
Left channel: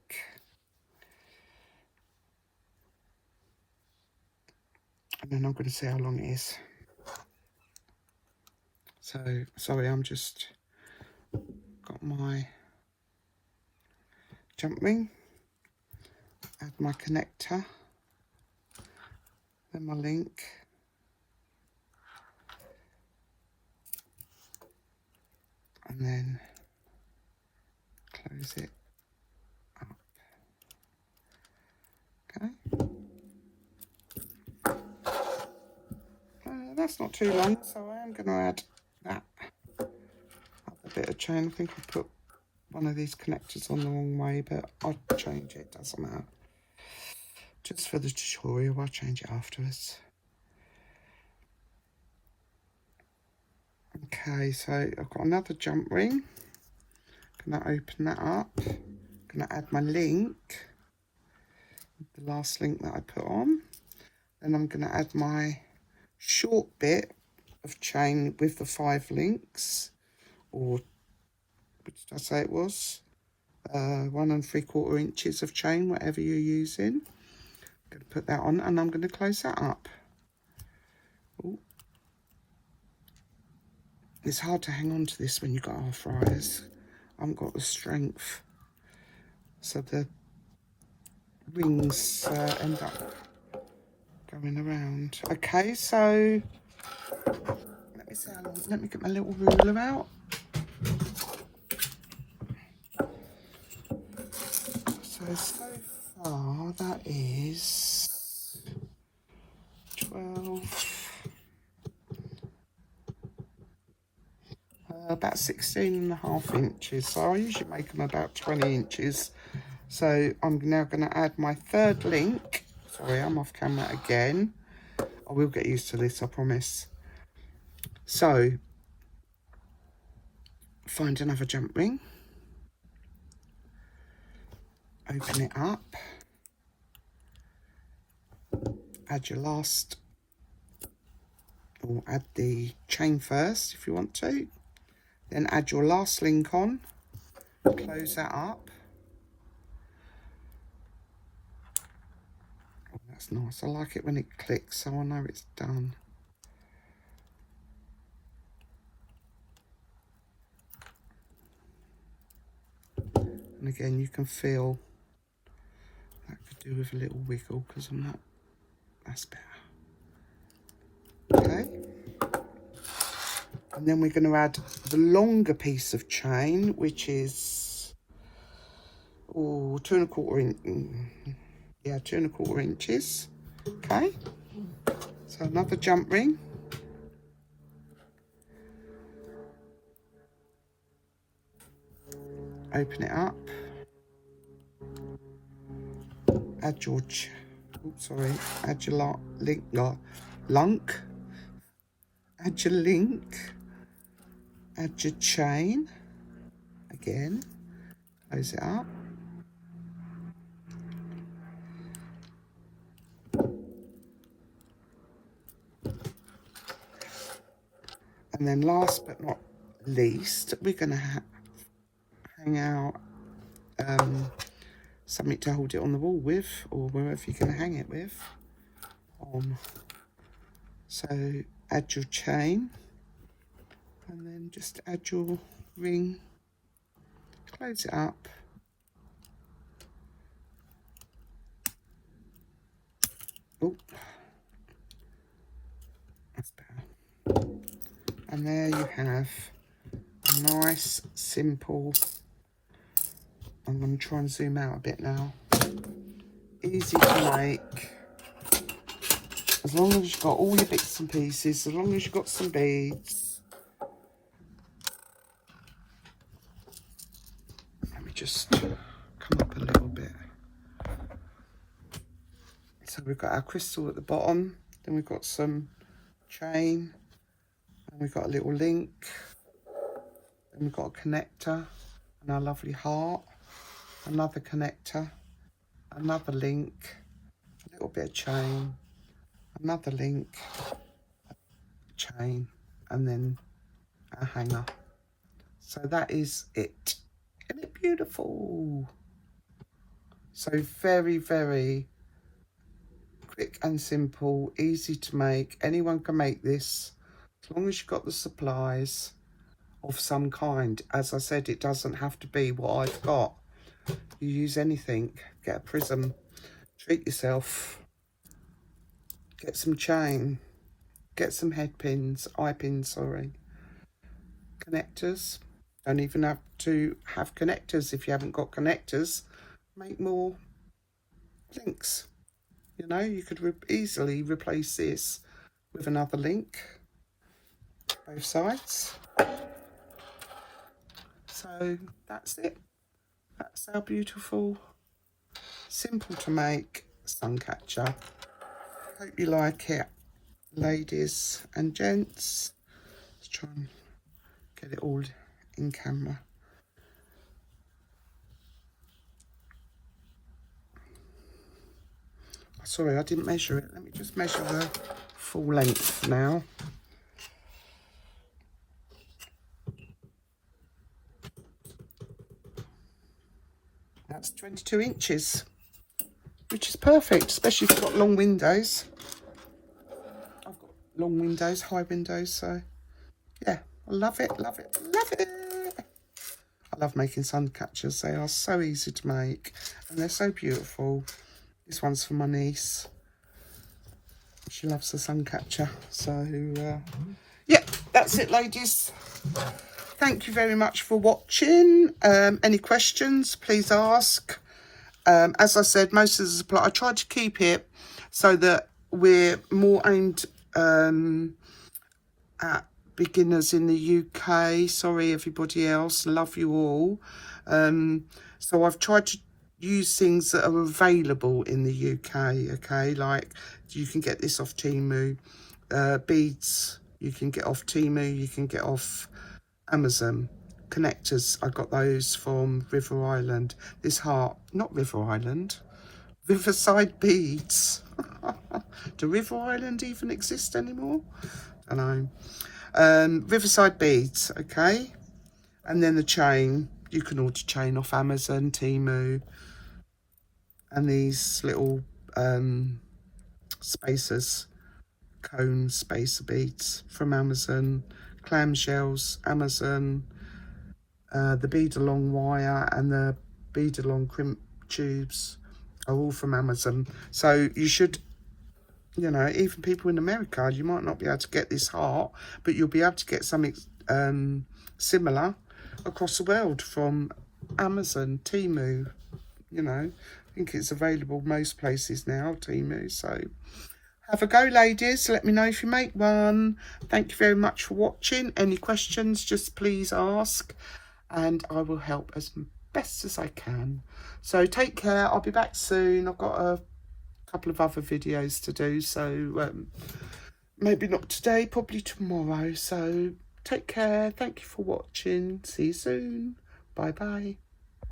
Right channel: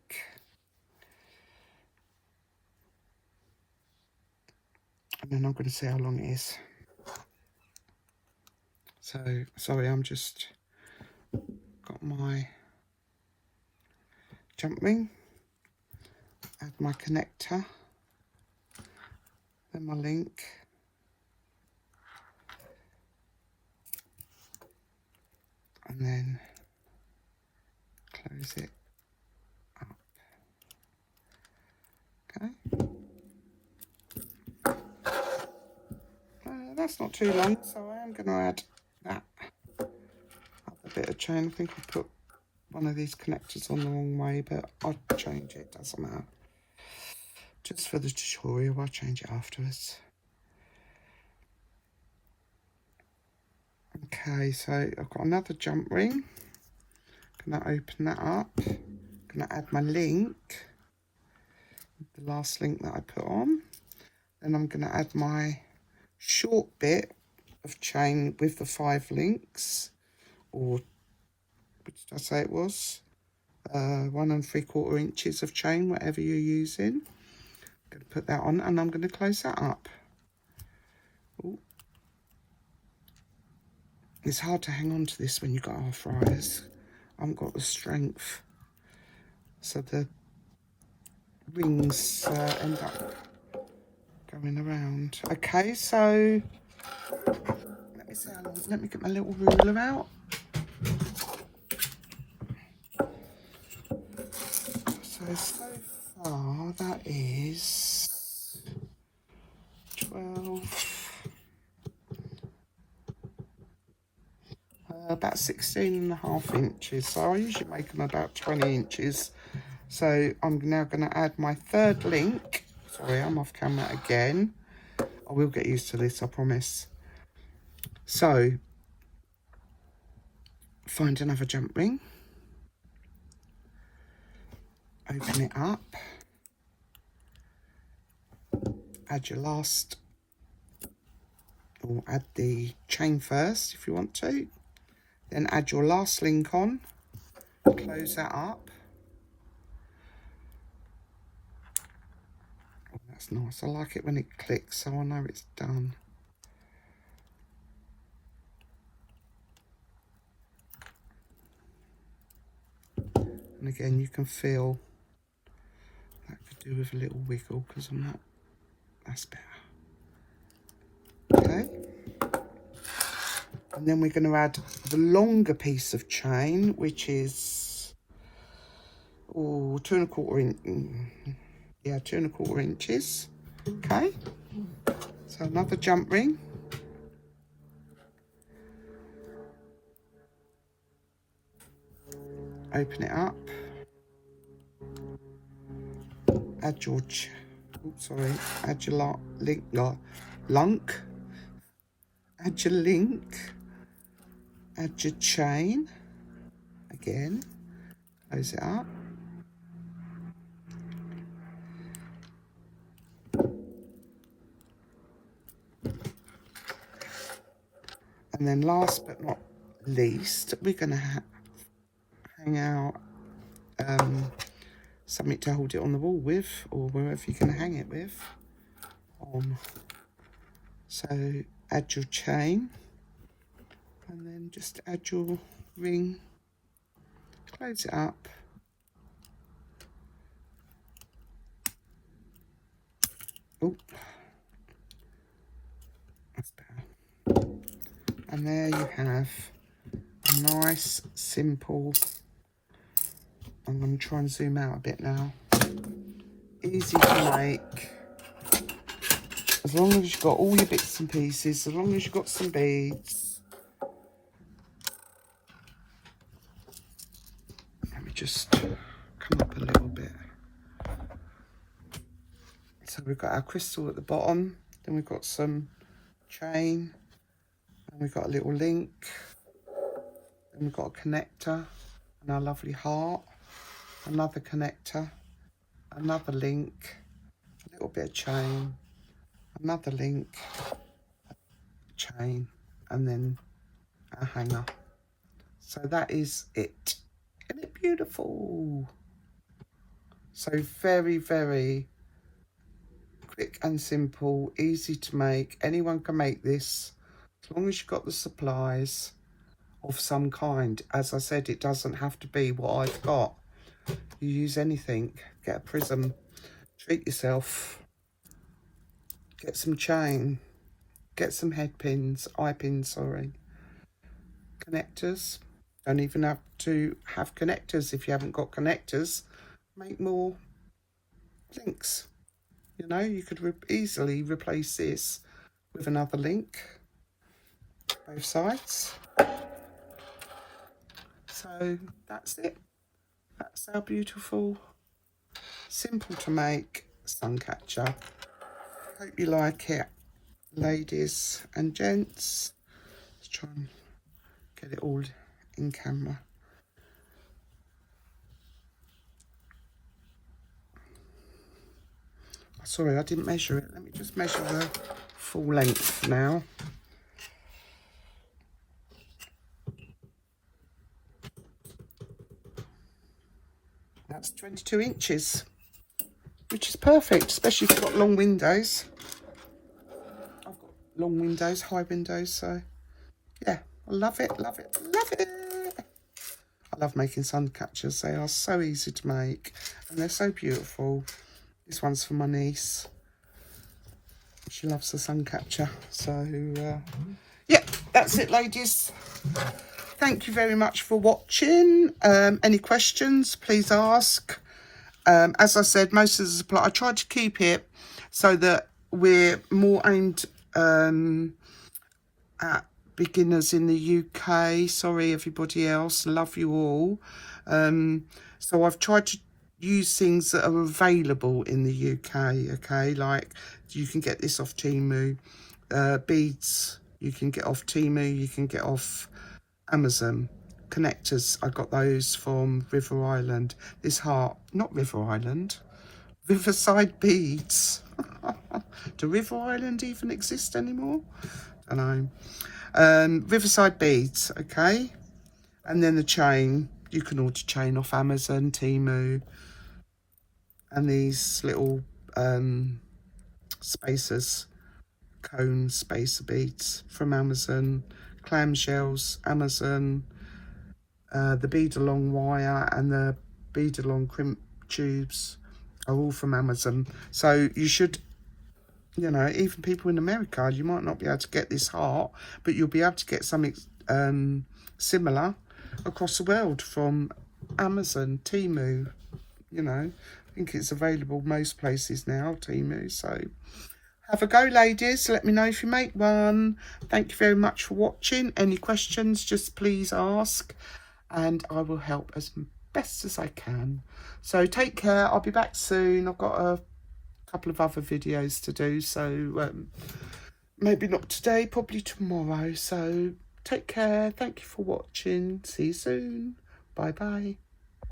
And then I'm going to see how long it is. So, sorry, I'm just got my jump ring, add my connector, then my link, and then close it up. Okay. That's not too long, so I am going to add that other bit of chain. I think I put one of these connectors on the wrong way, but I'll change it, doesn't matter. Just for the tutorial, I'll change it afterwards. Okay, so I've got another jump ring. I'm going to open that up. I'm going to add my link, the last link that I put on. Then I'm going to add my short bit of chain with the 5 links, or which did I say it was? 1 3/4 inches of chain, whatever you're using. I'm going to put that on and I'm going to close that up. It's hard to hang on to this when you've got arthritis. I haven't got the strength. So the wings end up going around. Okay, so let me see how long. Let me get my little ruler out. So far that is 12, about 16.5 inches. So I usually make them about 20 inches. So I'm now going to add my 3rd link. Sorry, I'm off camera again. I will get used to this, I promise. So find another jump ring. Open it up. Add your last, or add the chain first if you want to. Then add your last link on. Close that up. Oh, that's nice. I like it when it clicks, so I know it's done. And again, you can feel that could do with a little wiggle because I'm not. That's better. Okay. And then we're going to add the longer piece of chain, which is 2 1/4 inch. Yeah, 2 1/4 inches. Okay. So another jump ring. Open it up. Add your add your link. Add your link. Add your chain. Again, close it up. And then last but not least, we're going to hang out something to hold it on the wall with, or wherever you're going to hang it with. So add your chain, and then just add your ring, close it up. Oh, that's better. And there you have a nice, simple, I'm going to try and zoom out a bit now, easy to make. As long as you've got all your bits and pieces, as long as you've got some beads. Let me just come up a little bit. So we've got our crystal at the bottom, then we've got some chain, and we've got a little link, and we've got a connector, and our lovely heart, another connector, another link, a little bit of chain, another link, chain, and then a hanger. So that is it. Isn't it beautiful? So very, very quick and simple, easy to make. Anyone can make this as long as you've got the supplies of some kind. As I said, it doesn't have to be what I've got. You use anything. Get a prism, treat yourself. Get some chain, get some head pins, eye pins, sorry. Connectors. Don't even have to have connectors. If you haven't got connectors, make more links. You know, you could easily replace this with another link, both sides. So that's it. That's our beautiful, simple to make sun catcher. Hope you like it, ladies and gents. Let's try and get it all in camera. Sorry, I didn't measure it. Let me just measure the full length now. That's 22 inches, which is perfect, especially if you've got long windows. I've got long windows, high windows, so yeah, I love it, love it, love it. I love making sun catchers. They are so easy to make and they're so beautiful. This one's for my niece. She loves the sun catcher. So yeah, that's it, ladies. Thank you very much for watching. Any questions, please ask. As I said, most of the supply, I tried to keep it so that we're more aimed at beginners in the UK. Sorry, everybody else. Love you all. So I've tried to use things that are available in the UK, okay? Like, you can get this off Temu. Beads, you can get off Temu, you can get off Amazon. Connectors, I got those from River Island. This heart, not River Island, Riverside Beads. Do River Island even exist anymore? I don't know. Riverside Beads, okay? And then the chain, you can order chain off Amazon, Temu. And these little spacers, cone spacer beads from Amazon. Clamshells, Amazon. The bead-along wire and the bead-along crimp tubes are all from Amazon. So you should, you know, even people in America, you might not be able to get this heart, but you'll be able to get something similar across the world from Amazon, Temu, you know. I think it's available most places now, Temu. So have a go, ladies. Let me know if you make one. Thank you very much for watching. Any questions, just please ask, and I will help as best as I can. So take care. I'll be back soon. I've got a couple of other videos to do, so maybe not today, probably tomorrow. So take care. Thank you for watching. See you soon. Bye bye.